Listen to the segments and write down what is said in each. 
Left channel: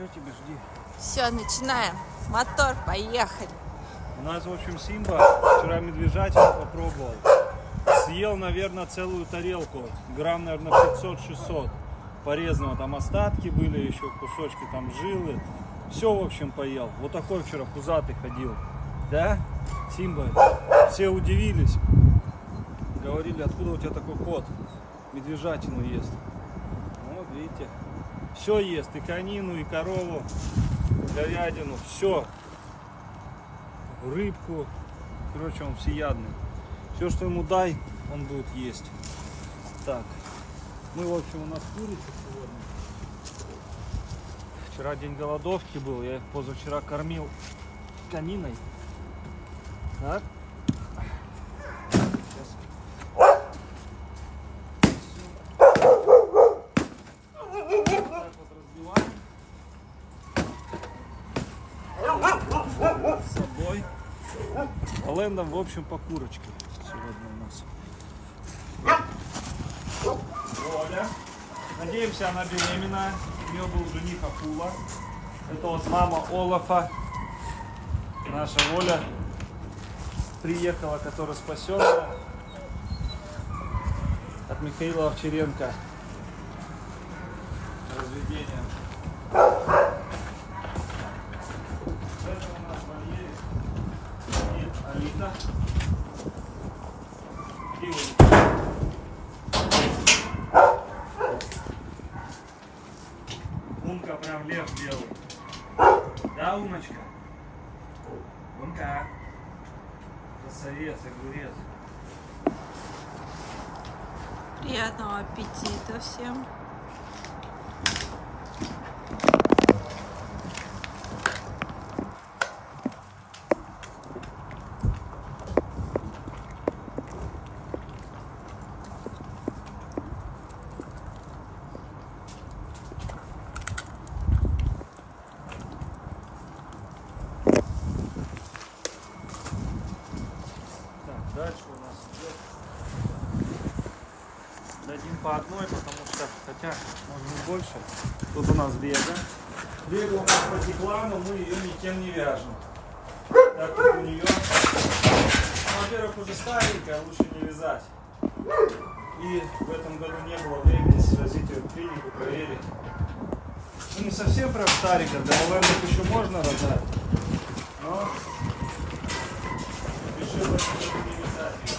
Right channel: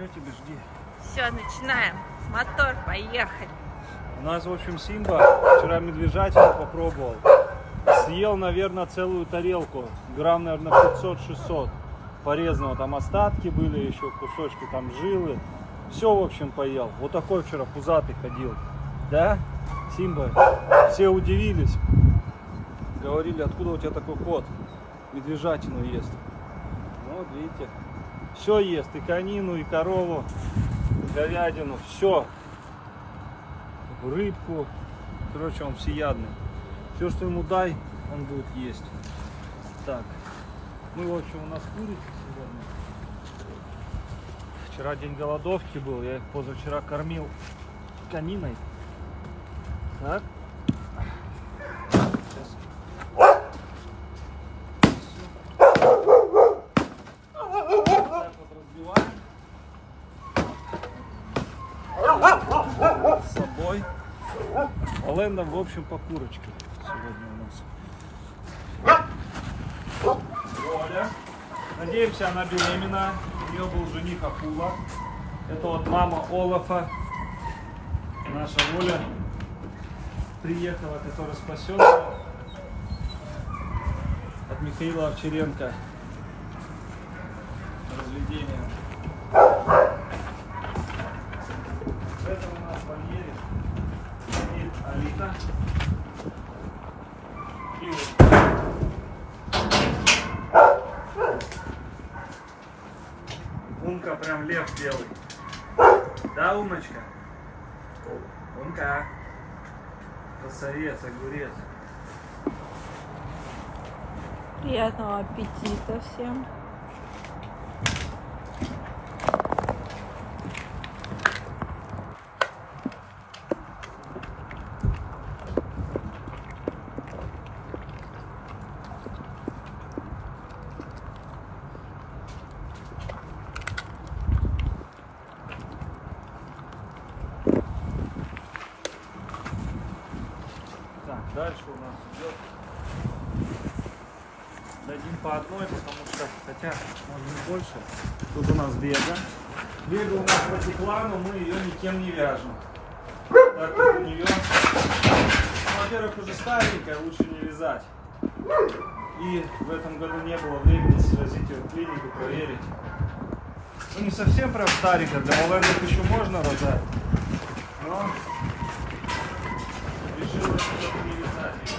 Что тебе, жди? Все, начинаем. Мотор, поехали. У нас, в общем, Симба вчера медвежатину попробовал. Съел, наверное, целую тарелку. Грамм, наверное, 500-600 порезанного. Там остатки были, еще кусочки там жилы. Все, в общем, поел. Вот такой вчера пузатый ходил. Да, Симба? Все удивились. Говорили, откуда у тебя такой кот? Медвежатину ест. Вот, видите. Все ест. И конину, и корову, и говядину. Все. Рыбку. Короче, он всеядный. Все, что ему дай, он будет есть. Так. Ну, в общем, у нас курица сегодня. Вчера день голодовки был. Я их позавчера кормил кониной. Так. Сейчас. Так вот разбиваем. С собой. Лэндом, в общем, по курочке сегодня у нас. Оля. Надеемся, она беременна. У нее был жених Акула. Это вот мама Олафа. Наша Оля приехала, которая спасена от Михаила Овчаренко. Разведением. Это у нас в вольере сидит Алита. И вот. Умка прям лев белый. Да, Умочка? Умка. Красавец, огурец. Приятного аппетита всем. Дальше у нас идет. Дадим по одной, потому что, хотя, может быть, больше. Тут у нас Бега. Бега у нас протекла, но мы ее никем не вяжем. Так как у нее, во-первых, уже старенькая, лучше не вязать. И в этом году не было времени свозить ее в клинику, проверить. Ну, не совсем прям старенькая, для малендов еще можно рожать. Но решила не вязать ее.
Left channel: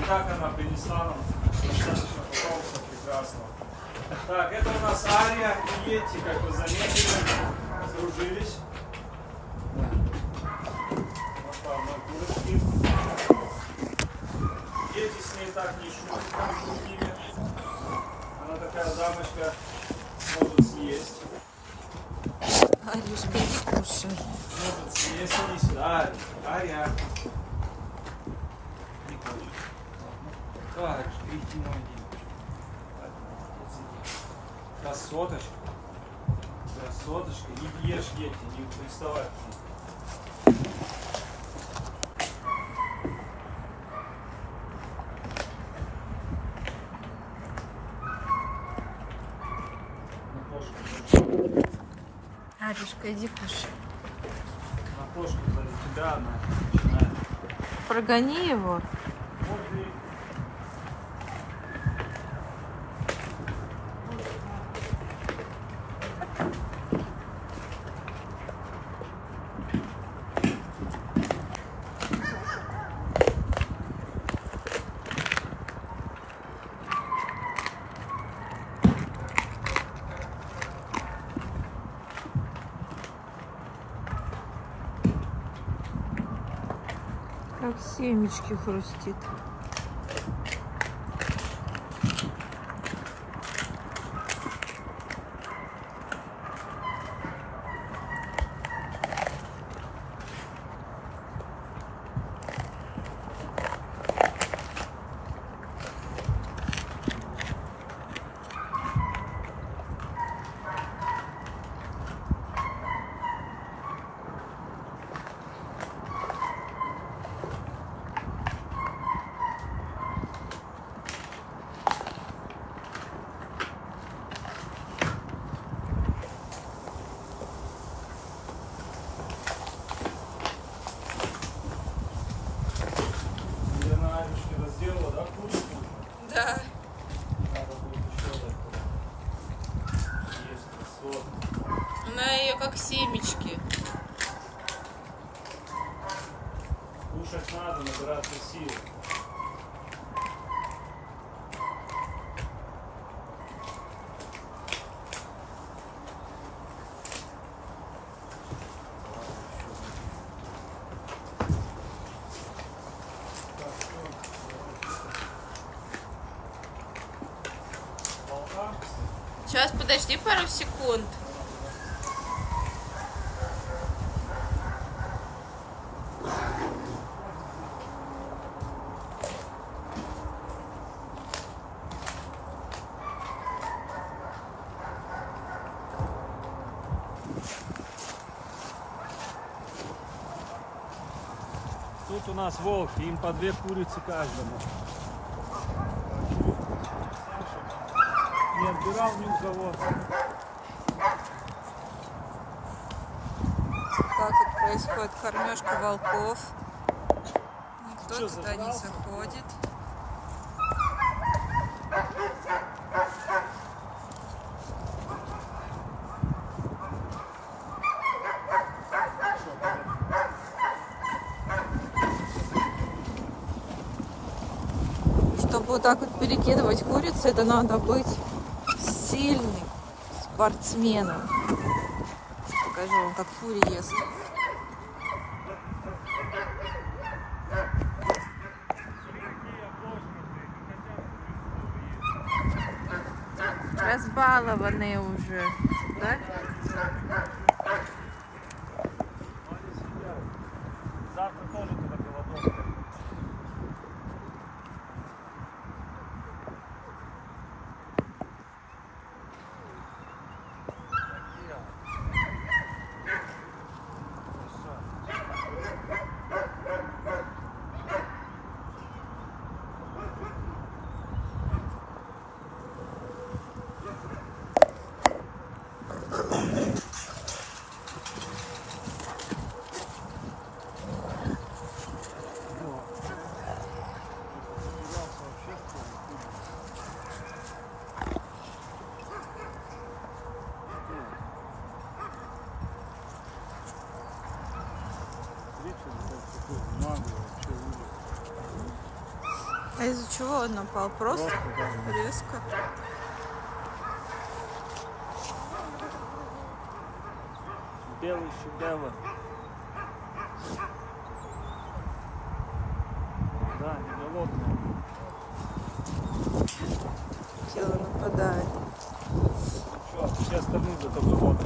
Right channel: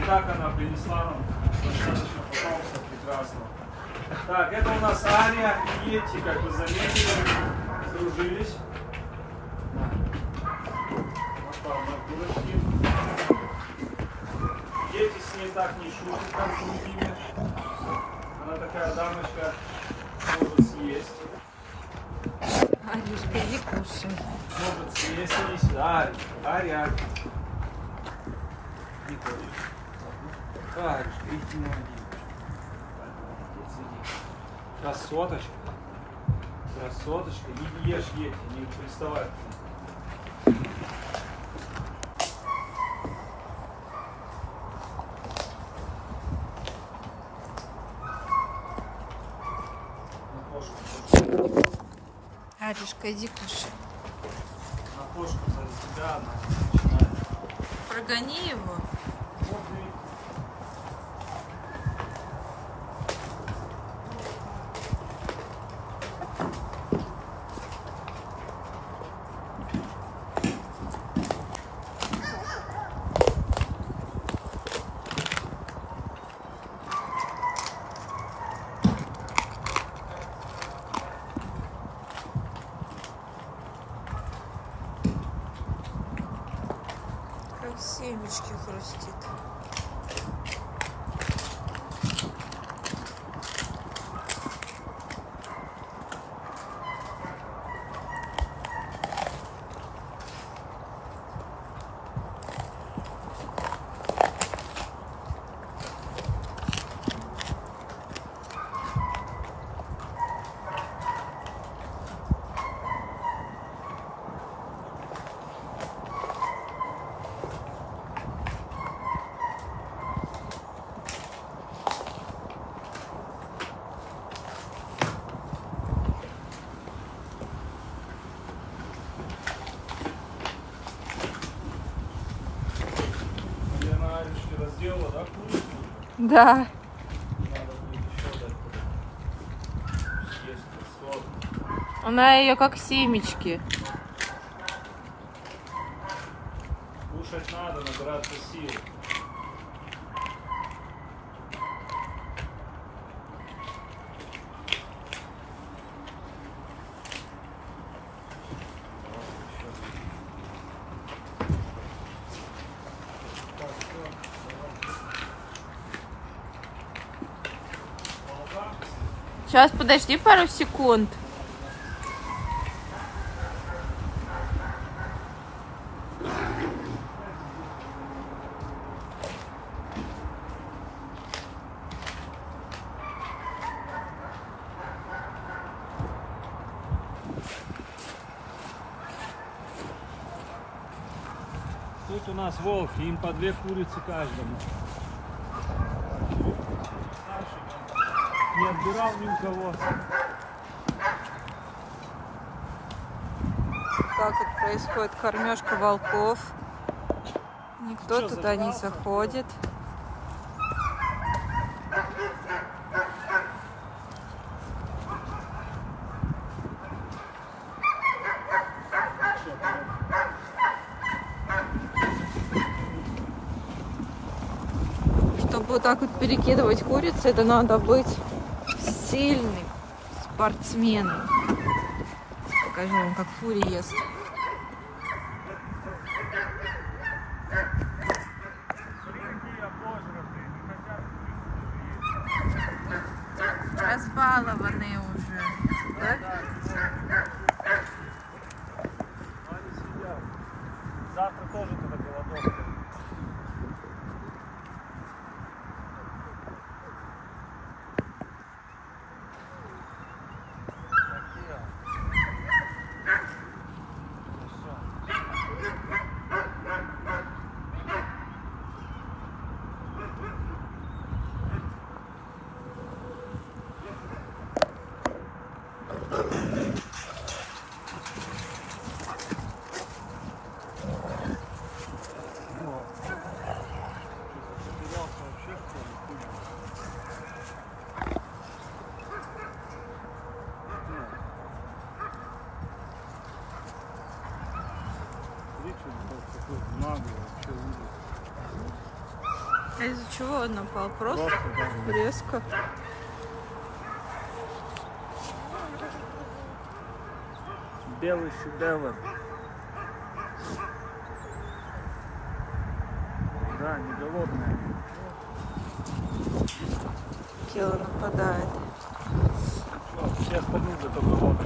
И так она принесла нам достаточно потомства прекрасного. Так, это у нас Ария и Йети, как вы заметили, сдружились. Вот там на курочке. Йети с ней так не шутят, как с другими. Она такая дамочка, может съесть. Аришка, иди кушай. Может съесть, иди сюда. Ария. Не хочешь. Так, иди на один. Красоточка. Красоточка. Не ешь, Йети, не приставай. Аришка, иди кушай. На кошку за тебя она начинает. Прогони его. Можно и Как семечки хрустит. Да. Надо будет еще дать. Есть красотка. Она ее как семечки. Кушать надо, набираться сил. Сейчас, подожди пару секунд. Тут у нас волки, им по 2 курицы каждому. Не отбирал ни у кого. Так вот происходит кормежка волков. Никто Что, туда не заходит. Чтобы вот так вот перекидывать курицу, это надо быть сильным спортсменом. Покажу вам, как фури ест. Разбалованные уже, да? Завтра тоже туда голодовка. Какой наглый вообще ужас. А из-за чего он напал? Просто да. резко. Белый шедевр. Да, недолобный. Тело нападает. Все остальные за только вот.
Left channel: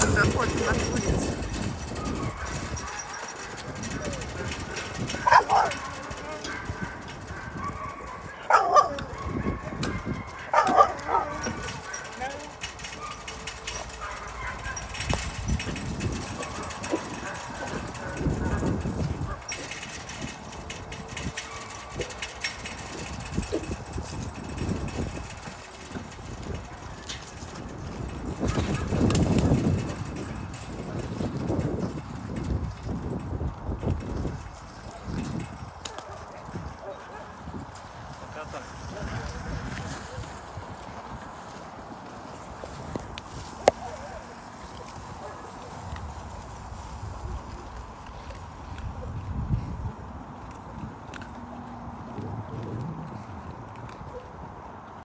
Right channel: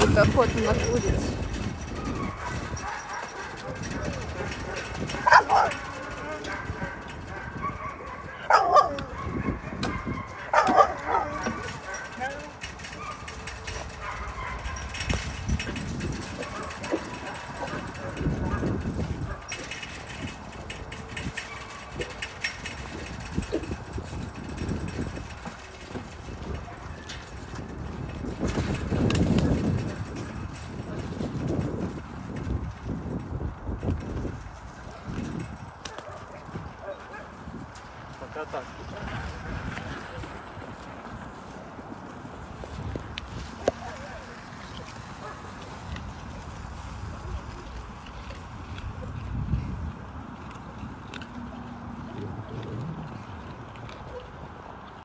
Тут охота на куриц.